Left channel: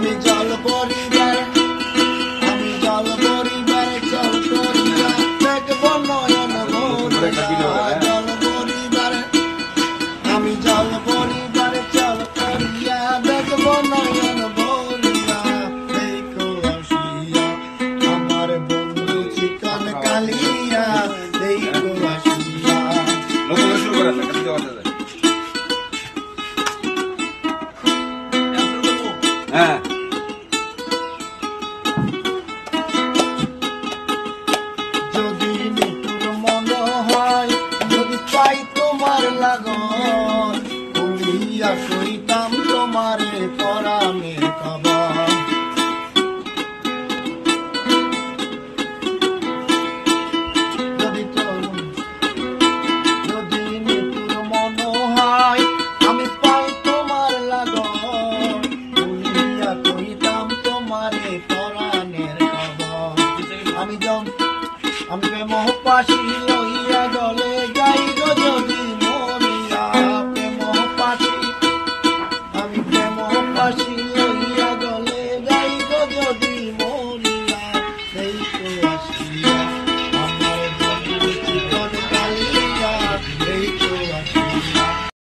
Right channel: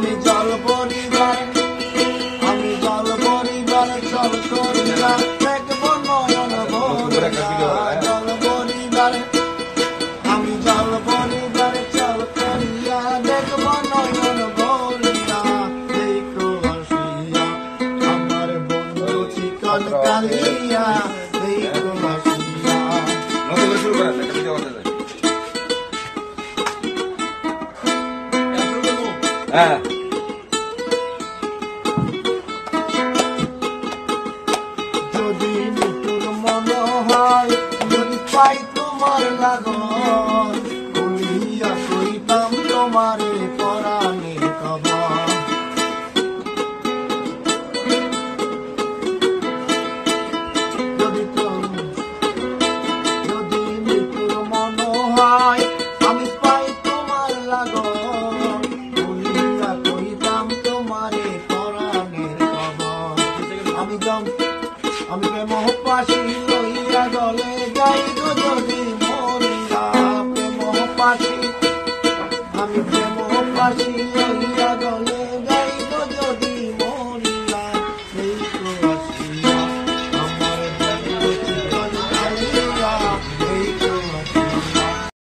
আমি জল পরিবার জল করিয়া দেখব নয়ন ভরিয়া জল পরিবার আমি জল পরিবার জল করিয়া দেখব নয়ন ভরিয়া দেখো আসিয়া আমার বন্ধু চিকন কালিয়া দেখো আসিয়া যদি নিতুর মন হয় যদি পাই তোমার লাগন